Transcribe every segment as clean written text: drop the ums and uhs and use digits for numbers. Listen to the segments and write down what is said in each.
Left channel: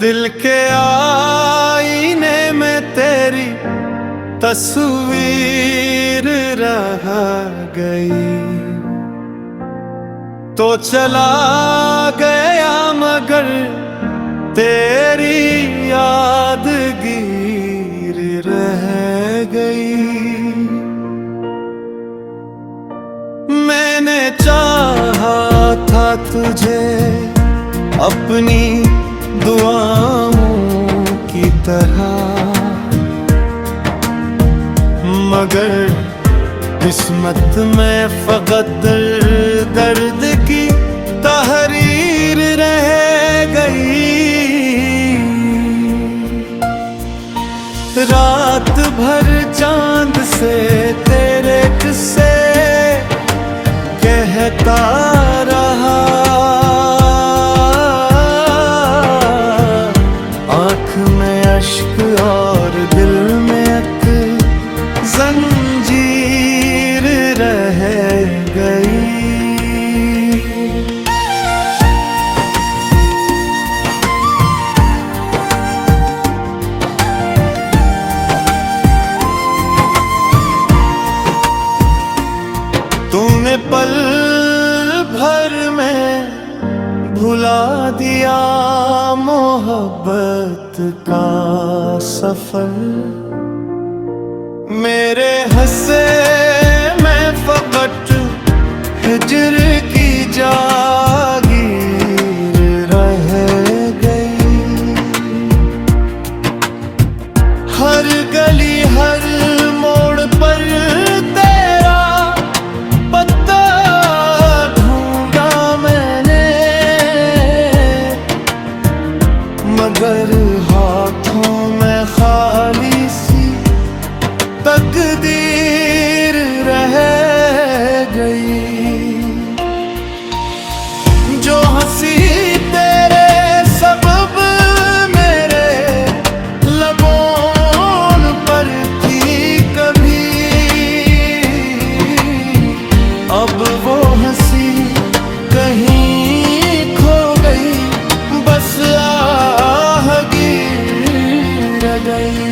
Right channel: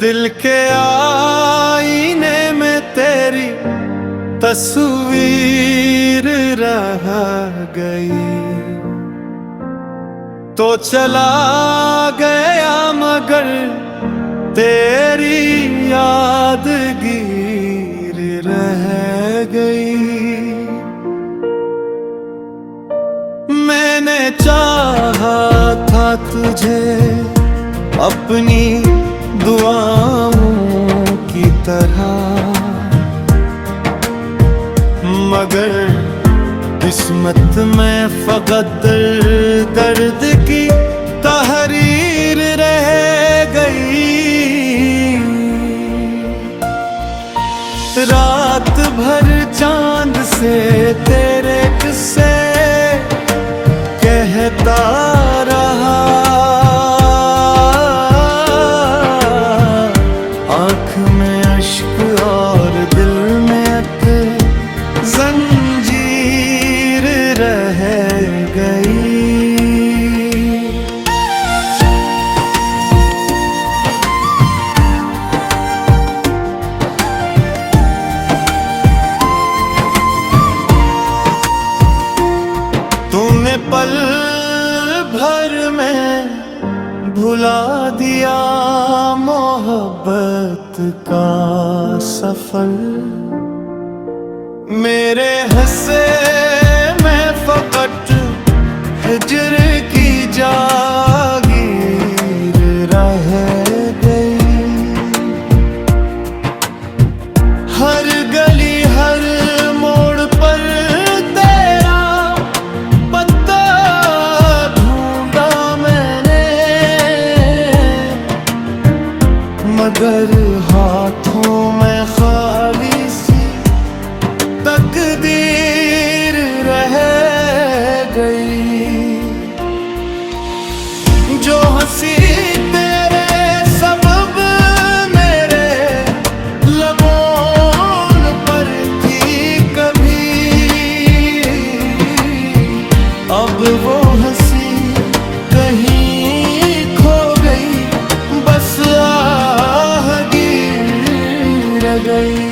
दिल के आईने में तेरी तस्वीर रह गई, तो चला गया मगर तेरी यादगीर रह गई। मैंने चाहा था तुझे अपनी दुआओं की तरह, मगर किस्मत में फकत दर्द की तहरीर रह गई। रात भर चांद से तेरे किस्से कहता रहा, आँख में अश्क और दिल में एक जंजीर रह गई। तूने पल भर में भुला दिया मोहब्बत का सफर, मेरे हंसे में फकत हिज्र की जागीर रह गई। हर गली हर मोड़ पर तेरा पत्ता ढूंढा मैंने, मगर हाथों में खाली सी तकदीर रह गई। जो हंसी तेरे सबब मेरे लबों पर थी कभी, अब वो हंसी कहीं खो गई, बस आहगीर रह गई।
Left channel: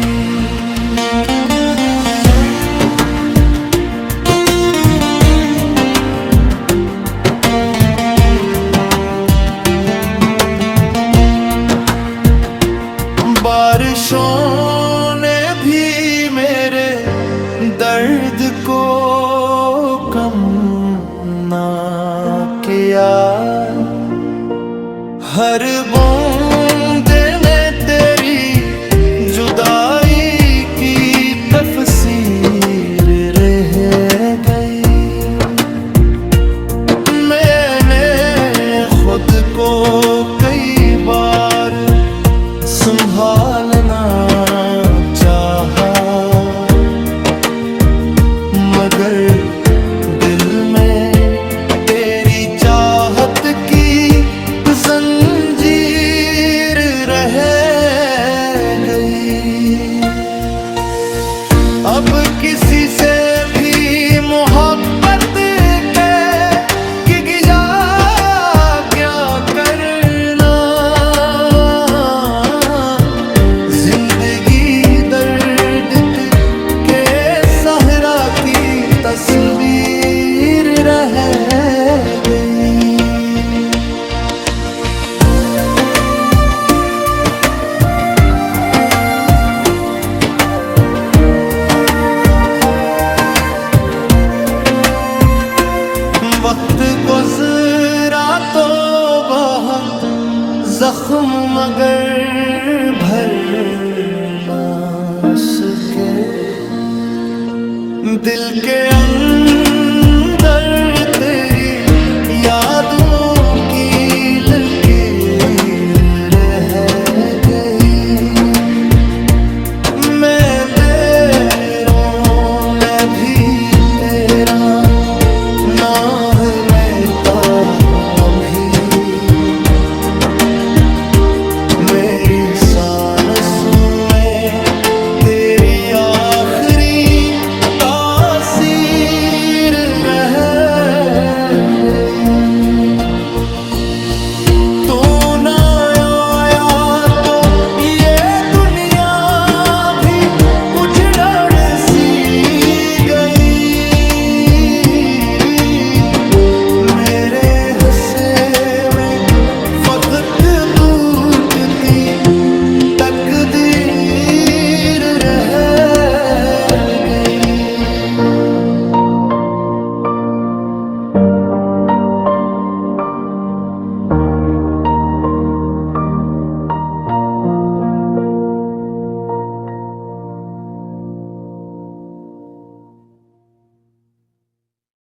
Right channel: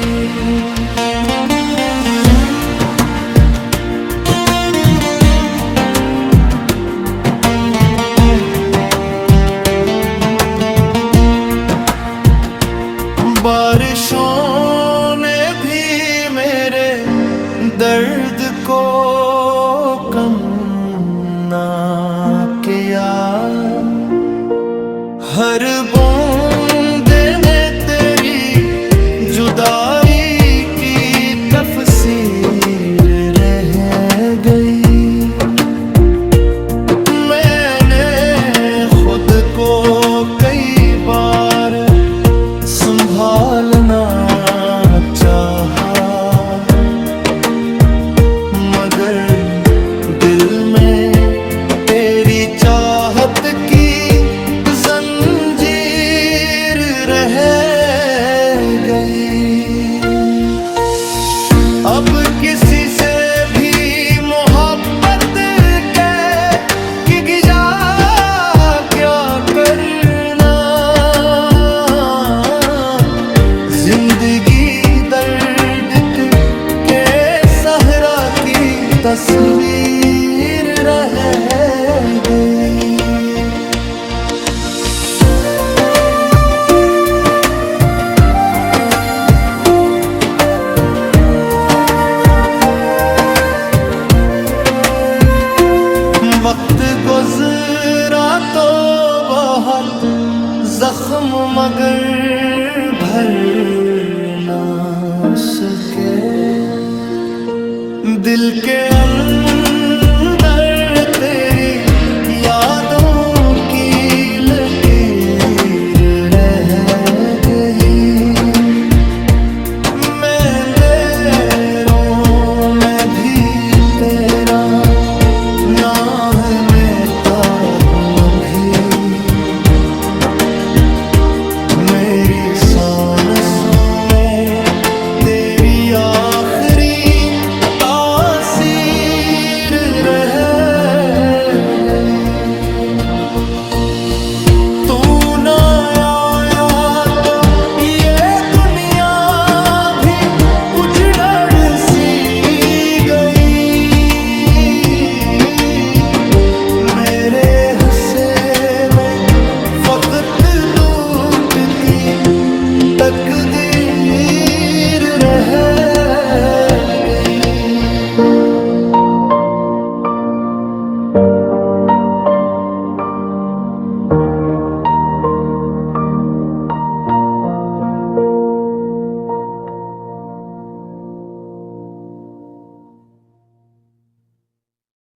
बारिशों ने भी मेरे दर्द को कम ना किया, हर बूंद ने तेरी जुदाई की तफसीर रह गई। मैंने खुद को कई बार संभालना चाहा, मगर दिल में तेरी चाहत की जंजीर रह गई। अब किसी से भी मोहब्बत की गिजा क्या करना, जिंदगी दर्द के सहरा की तस्वीर रह गई। वक्त गुजरा तो बहुत जख्म मगर भर ना सके, दिल के अंदर तेरी यादों की लकीर रह गई। मैं अंधेरों में भी तेरा नाम लेता हूँ अभी, मेरी सांसों में तेरी आखिरी तासीर रह गई। वक्त टूटती तकदीर रहे।